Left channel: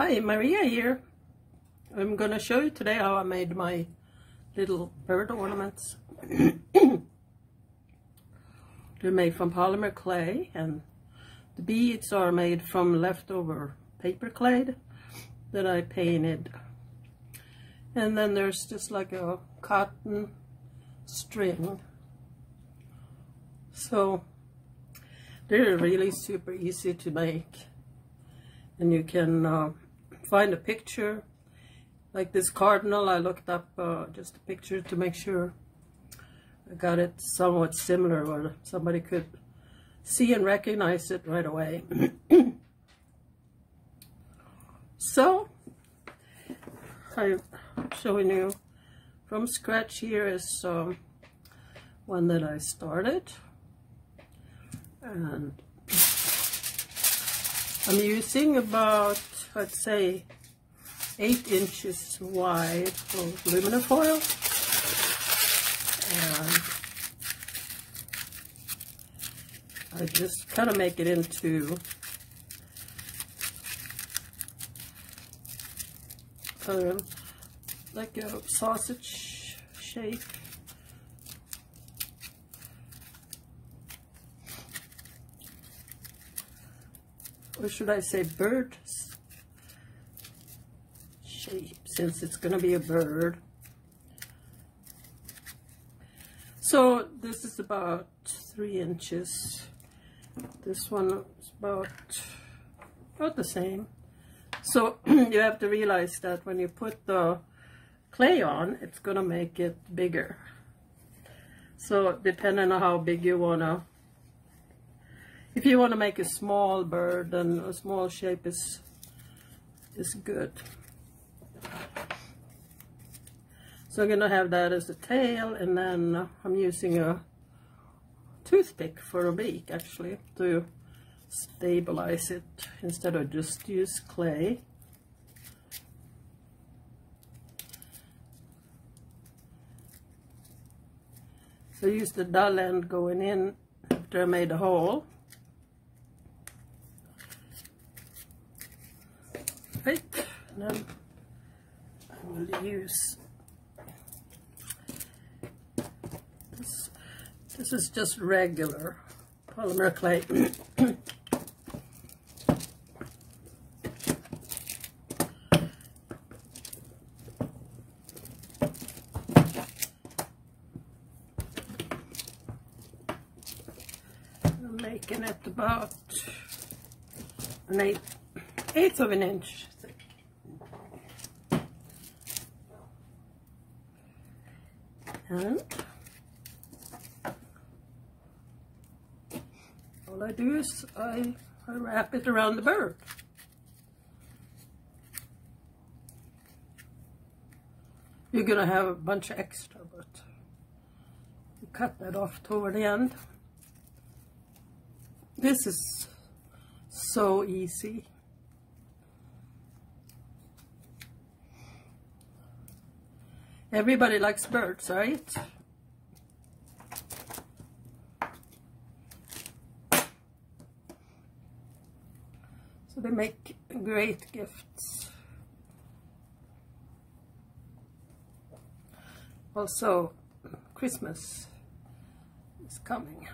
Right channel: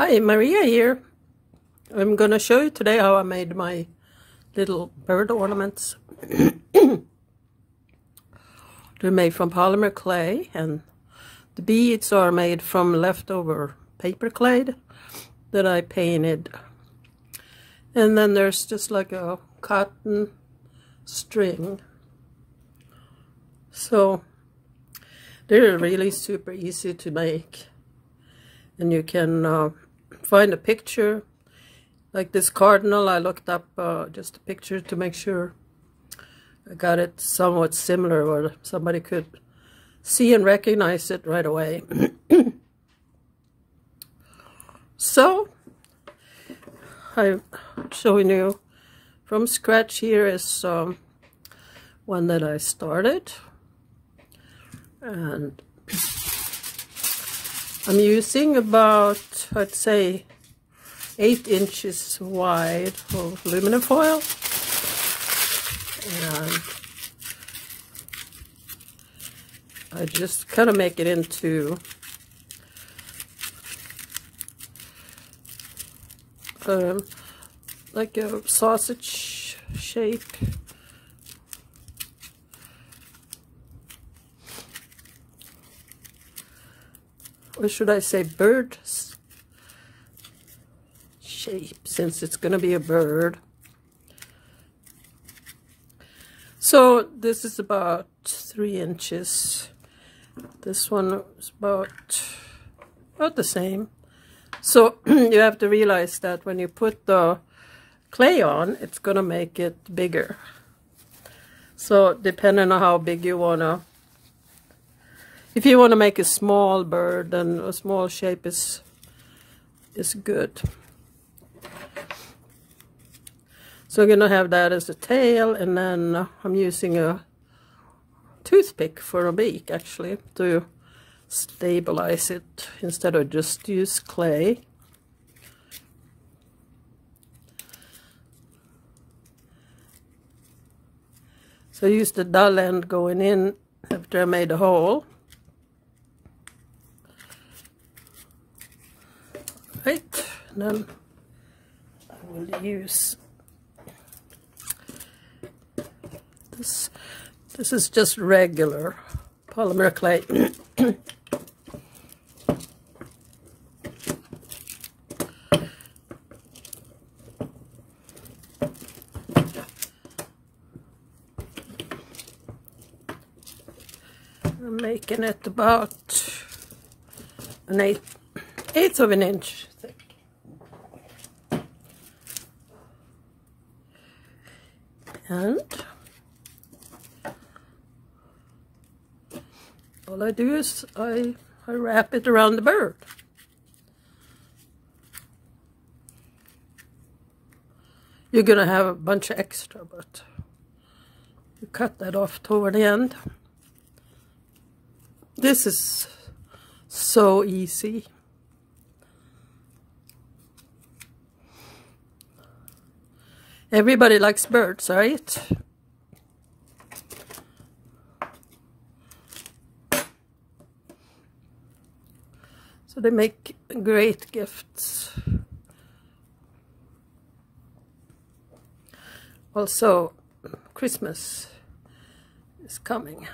Hi, Maria here. I'm gonna show you today how I made my little bird ornaments. They're made from polymer clay, and the beads are made from leftover paper clay that I painted. And then there's just like a cotton string. So they're really super easy to make. And you can find a picture like this cardinal. I looked up just a picture to make sure I got it somewhat similar or somebody could see and recognize it right away. So I'm showing you from scratch. Here is one that I started, and I'm using about, I'd say, 8 inches wide of aluminum foil, and I just kind of make it into like a sausage shape. Or should I say bird shape, since it's going to be a bird. So this is about 3 inches. This one is about the same. So you have to realize that when you put the clay on, it's going to make it bigger. So depending on how big you want to, if you want to make a small bird, then a small shape is good. So I'm going to have that as a tail, and then I'm using a toothpick for a beak, actually, to stabilize it instead of just use clay. So I used the dull end going in after I made a hole. Right, and then I will use this. This is just regular polymer clay. I'm making it about an eighth of an inch thick. And all I do is I wrap it around the bird. You're gonna have a bunch of extra, but you cut that off toward the end. This is so easy. Everybody likes birds, right? So they make great gifts. Also, Christmas is coming.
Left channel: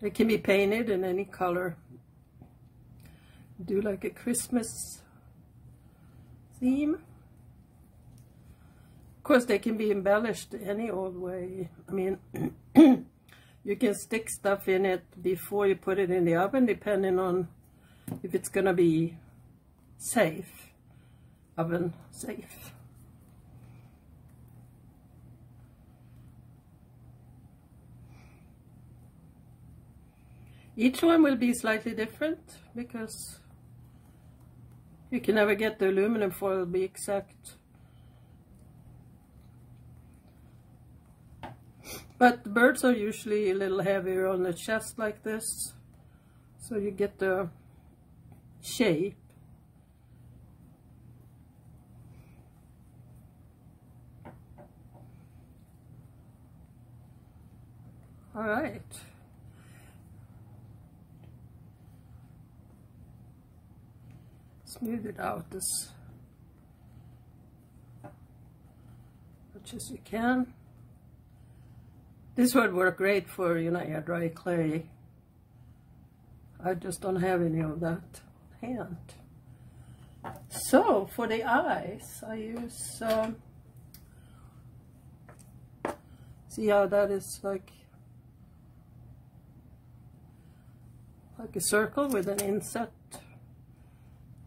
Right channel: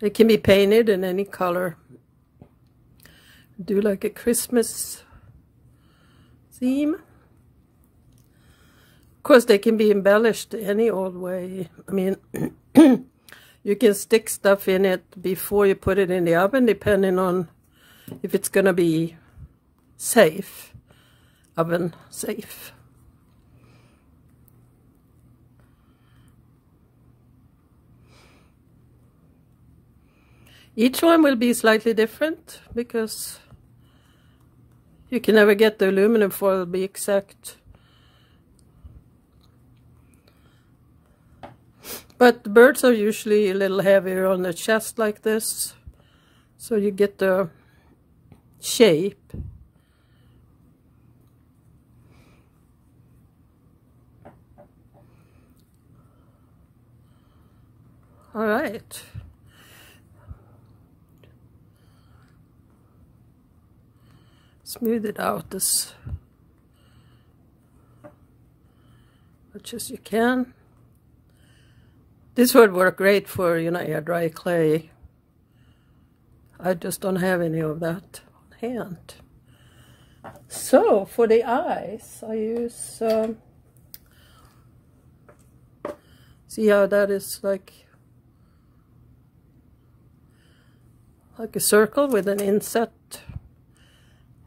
They can be painted in any color. Do like a Christmas theme. Of course, they can be embellished any old way. I mean, you can stick stuff in it before you put it in the oven, depending on if it's going to be safe, oven safe. Each one will be slightly different because you can never get the aluminum foil to be exact. But the birds are usually a little heavier on the chest like this, so you get the shape. All right. smooth it out as much as you can. This would work great for, you know, your dry clay. I just don't have any of that on hand. So for the eyes, I use, see how that is like a circle with an inset,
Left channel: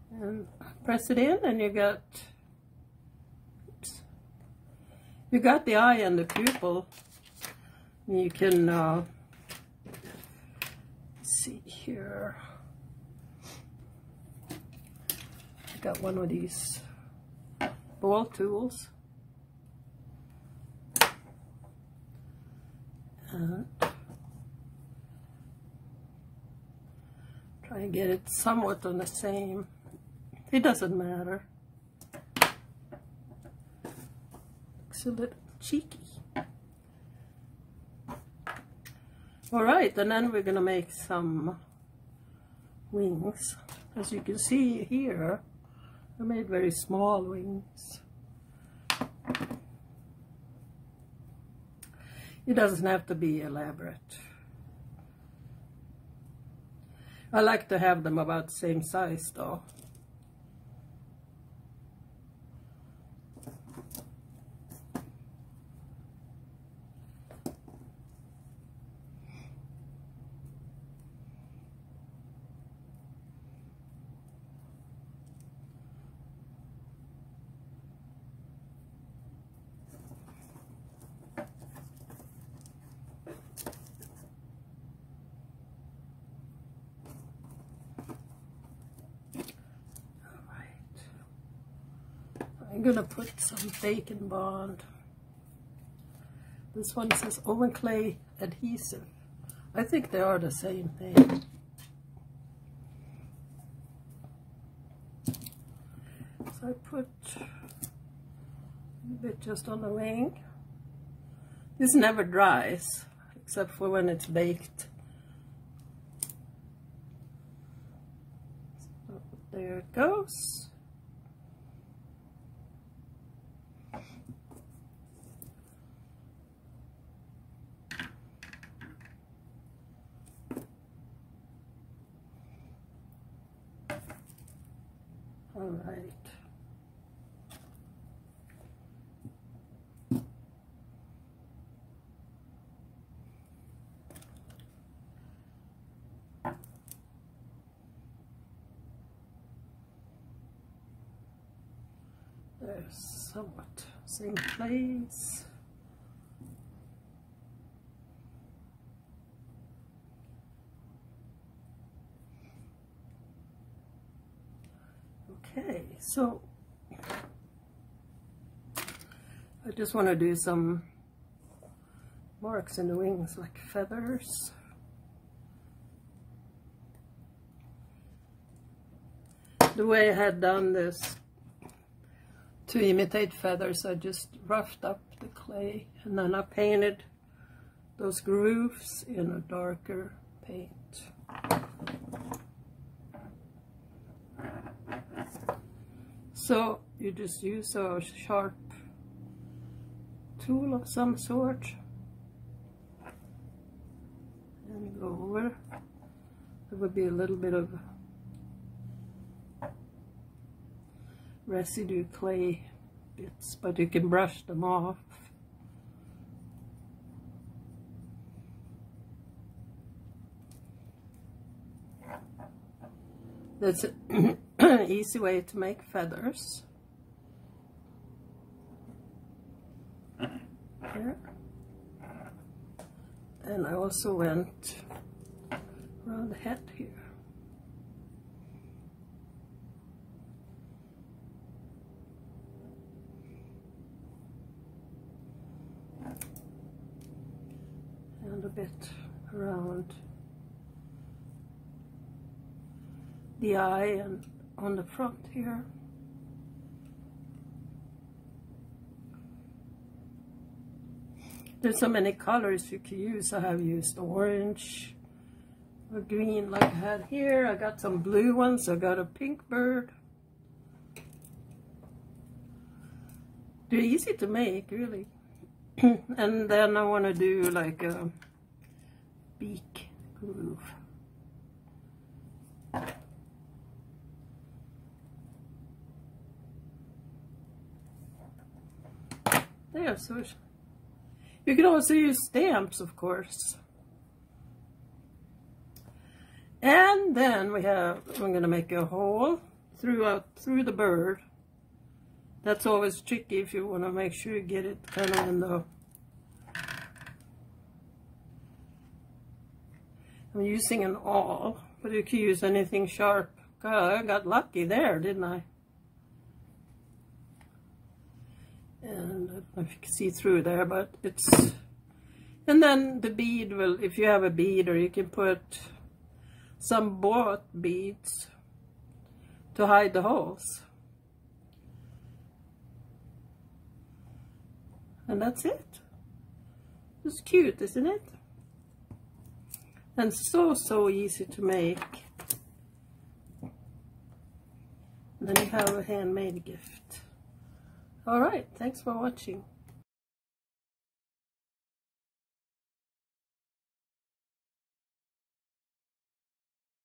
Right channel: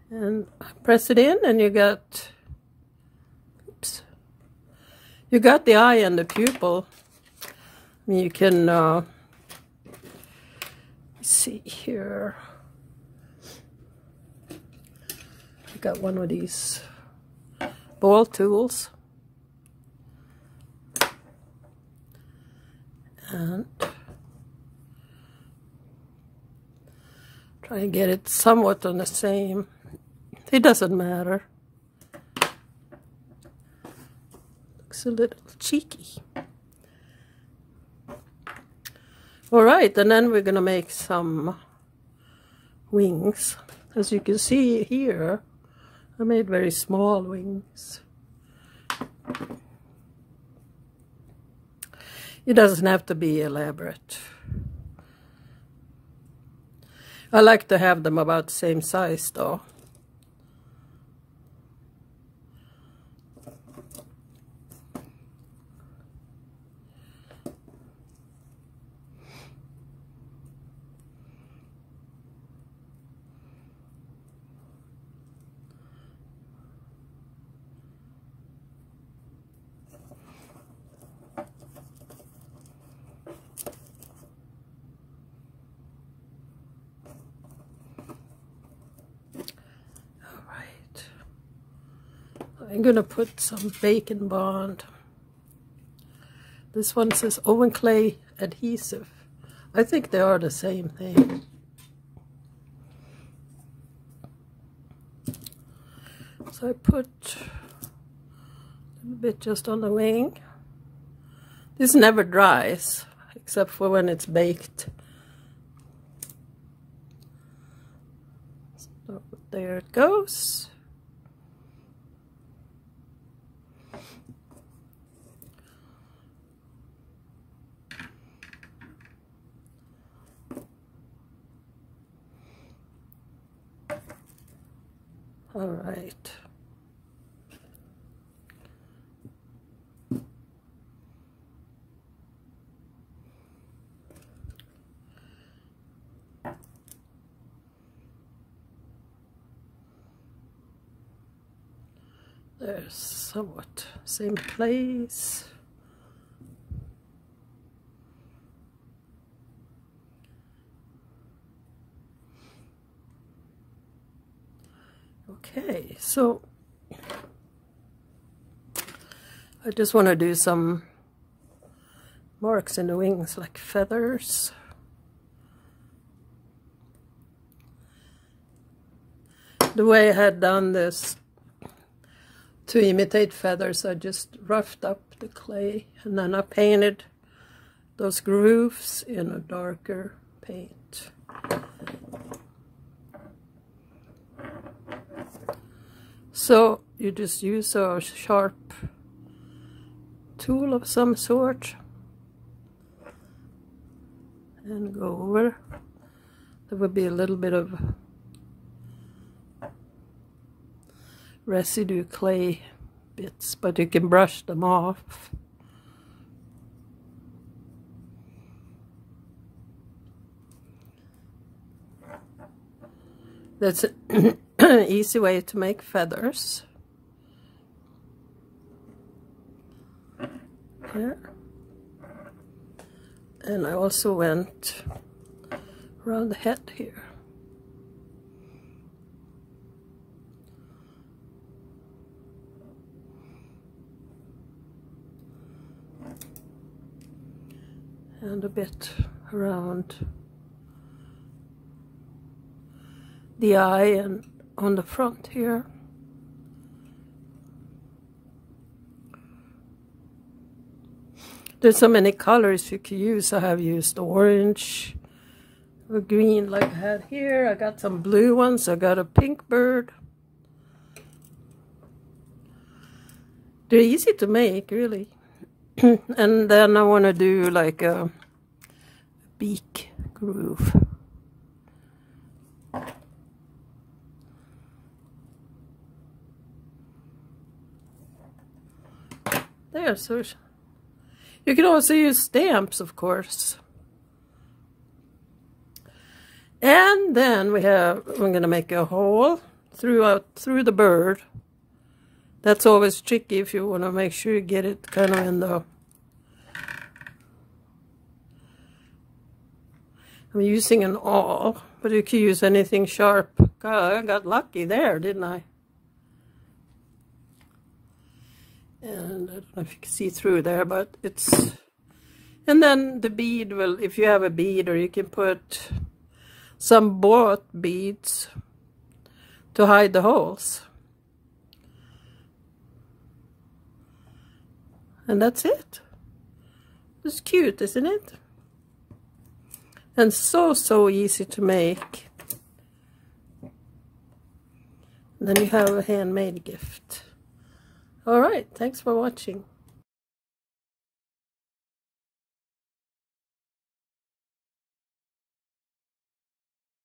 and press it in, and you got, oops, you got the eye and the pupil. You can see here. I got one of these ball tools, and try and get it somewhat on the same. It doesn't matter. Looks a little cheeky. All right, and then we're gonna make some wings. As you can see here, I made very small wings. It doesn't have to be elaborate. I like to have them about the same size though. I'm gonna put some bacon bond. This one says oven clay adhesive. I think they are the same thing. So I put a bit just on the wing. This never dries except for when it's baked. So there it goes. All right. There's somewhat same place. Okay, so I just want to do some marks in the wings like feathers. The way I had done this to imitate feathers, I just roughed up the clay and then I painted those grooves in a darker paint. So you just use a sharp tool of some sort and go over. There would be a little bit of residue clay bits, but you can brush them off. That's an easy way to make feathers. Here. And I also went around the head here. And a bit around the eye and on the front here. There's so many colors you can use. I have used orange or green like I had here. I got some blue ones. I got a pink bird. They're easy to make, really. And then I want to do like a beak groove. There, so you can also use stamps, of course. And then I'm going to make a hole through the bird. That's always tricky if you want to make sure you get it kind of in the... I'm using an awl, but you can use anything sharp. God, I got lucky there, didn't I? And I don't know if you can see through there, but it's... And then the bead will, if you have a bead, or you can put some bought beads to hide the holes. And that's it. It's cute, isn't it? And so easy to make. And then you have a handmade gift. All right, thanks for watching.